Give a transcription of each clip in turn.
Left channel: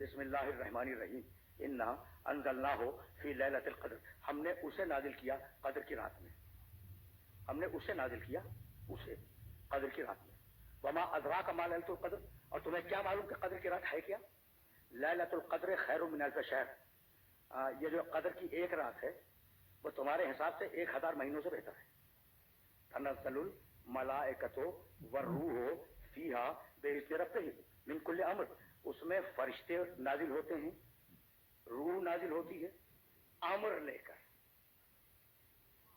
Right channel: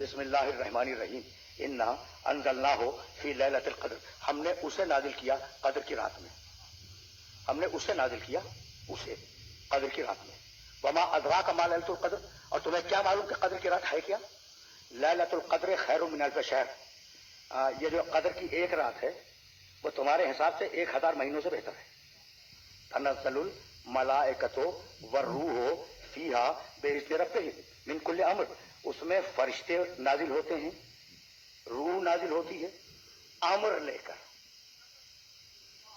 بسم اللہ الرحمن الرحیم انا انزلناہ فی لیلۃ القدر، ہم نے اسے نازل کیا قدر کی رات میں، ہم نے اسے نازل کیا اسے قدر کی رات میں۔ وما ادراک ما لیلۃ القدر، اور تمہیں کیا معلوم کہ قدر کی رات ہے کیا؟ لیلۃ القدر خیر من الف شہر، یہ جو قدر کی ایک رات ہے وہ تمہارے حساب سے 1000 مہینوں سے بہتر ہے۔ تنزل الملائکۃ والروح فیہا باذن ربہم من کل امر، اس میں فرشتے نازل ہوتے ہیں، روح نازل ہوتی ہے امر لے کر۔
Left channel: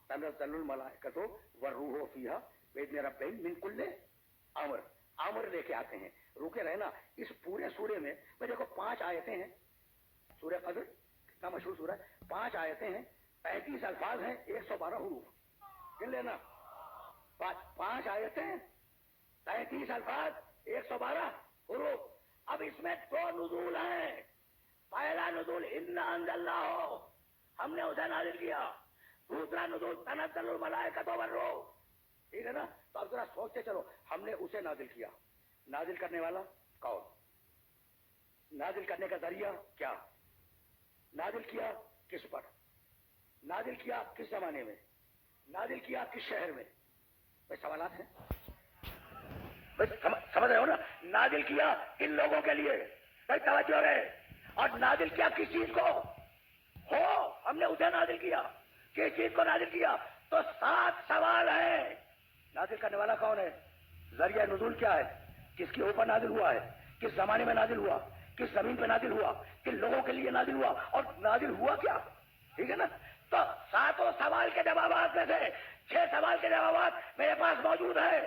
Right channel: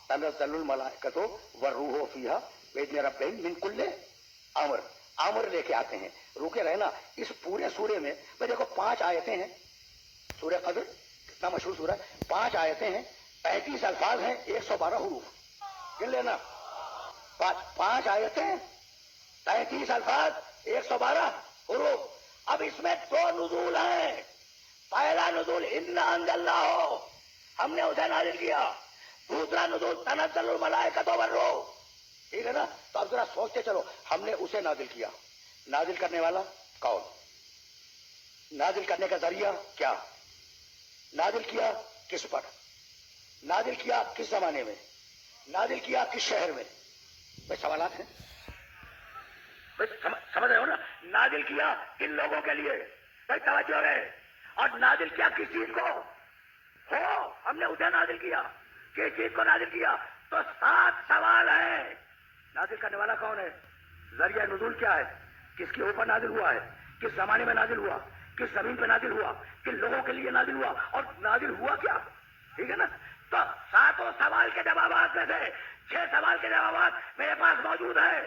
تنزل الملائکۃ والروح فیہا باذن ربہم من کل امر، امر لے کے آتے ہیں۔ روکے رہنا، اس پورے سورے میں دیکھو 5 آیتیں ہیں، سورہ قدر کتنا مشہور سورہ ہے، 5 آیتیں ہیں، 35 الفاظ ہیں، 112 حروف، گن لینا۔ 5 آیتیں، 35 الفاظ، 112 حروف۔ اب اس میں 2 نزول ہیں۔ پہلا نزول انا انزلناہ، ہم نے اسے نازل کیا۔ دوسرا نزول تنزل الملائکۃ والروح، ٹھیک ہے نا؟ تو اب ذرا سوچتے چلو، ہم نے اسے نازل کیا، نازل کرنے والا کون؟ نازل کرنے کا ذریعہ کیا؟ نازل کیا کس پر؟ نازل کیا کس زمانے میں؟ نازل کیا کس شہر میں؟ بھائی سوالات ہیں، سمجھ رہے ہو نا؟ نازل کیا کن لوگوں کے لیے؟ بھائی توجہ رہے۔ اور نازل کیا کس چیز کو ہو؟ ہم نے اسے نازل کیا، کس چیز کو نازل کیا؟ تو 7 سوال ہیں۔ نازل کرنے والا کون ہے؟ ذریعہ نزول کیا ہے؟ کس کے اوپر نازل ہوا ہے؟ کس زمانے میں نازل ہوا؟ کس زمین پہ نازل ہوا؟ کن لوگوں کے لیے نازل ہوا؟ اور نازل ہوا کیا؟ ٹھیک ہے نا؟ تو 7 سوال کے جوابات میں سے 6 سوال کے جوابات میرے پاس موجود ہیں۔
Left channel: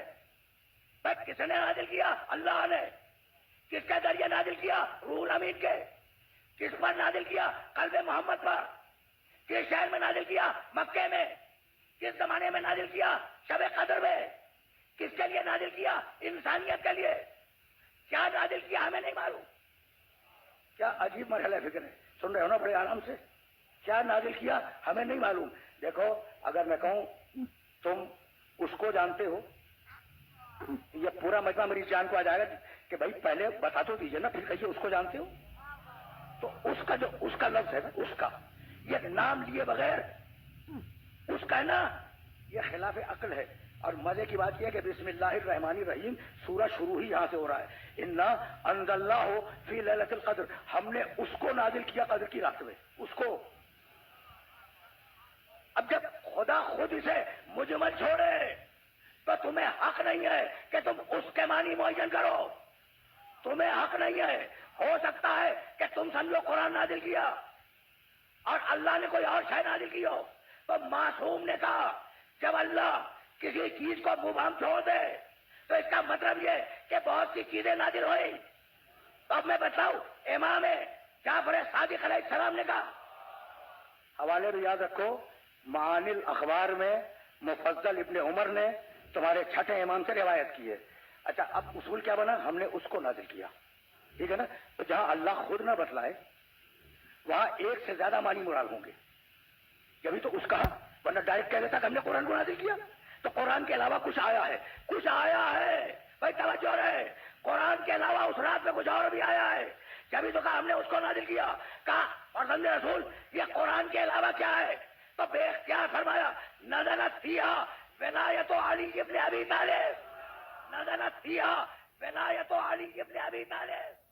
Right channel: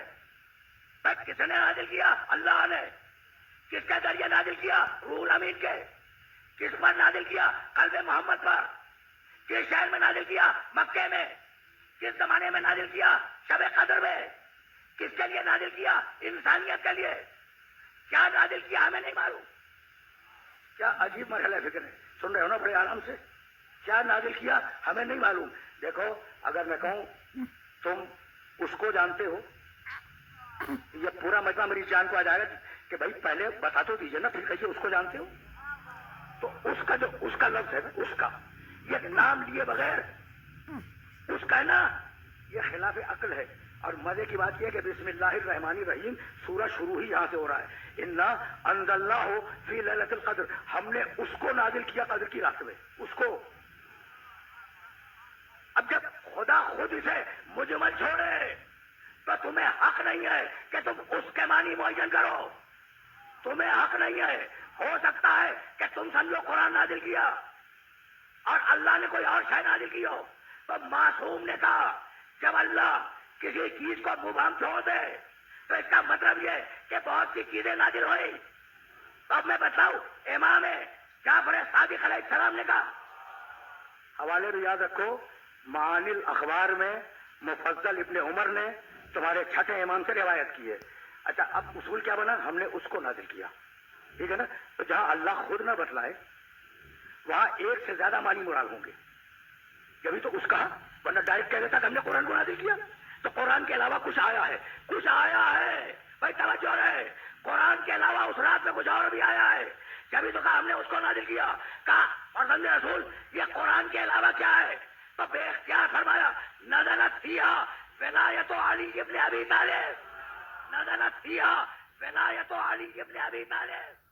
کس نے نازل کیا؟ اللہ نے۔ کس کے ذریعے نازل کیا؟ روح امین کے۔ کس پر نازل کیا؟ قلب محمد پر۔ کس شہر میں نازل کیا؟ مکے میں۔ کس زمانے میں نازل کیا؟ شب قدر میں۔ کس کے لیے نازل کیا؟ انسانیت کے لیے۔ کیا نازل کیا ہمیں نہیں معلوم۔ کیا عجیب مرحلہ فکر ہے، سن رہے ہو نا بڑے آرام سے؟ کیا نازل کیا ہمیں نہیں معلوم۔ دیکھو، اگر میں کہوں تم اس کو جانتے ہو، یہ پورا مجمع میری جان کو آ جائے گا کہ بھائی پہلے بتا تو دیجیے نا، پھر کہیے اس کو جانتے ہو۔ تو اس کا جو اس کا لفظ ہے نا، اس کا یہ نام لیے بغیر اس کا ہے نا، یہ خلاف عقل ہے۔ اور مزے کی بات یہ ہے کہ بسم اللہ الرحمن الرحیم سورہ شروع ہی یہاں سے ہو رہا ہے۔ انا انزلناہ فی لیلۃ القدر، ہم نے اس کو نازل کیا قدر کی رات میں، اس کو۔ اب جب خدا خود اسے مجمل چھوڑے تو تمہیں حق نہیں ہے کہ تم اس کے معنی معین کرو۔ تمہیں حق نہیں ہے۔ ہو سکتا ہے کہ تم سمجھو قرآن نازل کیا اور اللہ نے کوئی اور شے نازل کی ہو، تو معصوم نے کہا جب اللہ کسی چیز کو مبہم چھوڑ دے تو اس کا مطلب یہ کہ بہت سی چیزیں نازل ہوئی۔ تو اب میں بتاؤں، امام جعفر صادق علیہ السلام نے کہا، حوالے بھی یاد رکھو، معانی الاخبار میں مفضل ابن عمر نے تمہارے چھٹے امام سے روایت کی ہے۔ اچھا، اب اصول کیا بنا؟ ہم نے اس کو نازل کیا، ٹھیک ہے نا؟ تو جہاں اللہ خود نہ بتلائے وہاں ایک سے زیادہ معنی مراد ہوں گے، جبھی تو اس کہا، ورنہ ڈائریکٹ کہہ دیتا کہ ہم نے قرآن کو نازل کیا۔ تو قرآن کے علاوہ کچھ آیا ہے، کچھ آیا ہے، بھائی توجہ رہے۔ قرآن کے علاوہ اس رات میں کچھ اور بھی آیا ہے، جبھی تو کہا ہم نے اس کو نازل کیا۔ کہا فرزند رسول یہ قرآن کے علاوہ کیا ہے؟ تو بے اختیار فرمایا نزلت فیہا ولایت علی ابن ابی طالب، نزلت فیہا ولایت علی ابن ابی طالب۔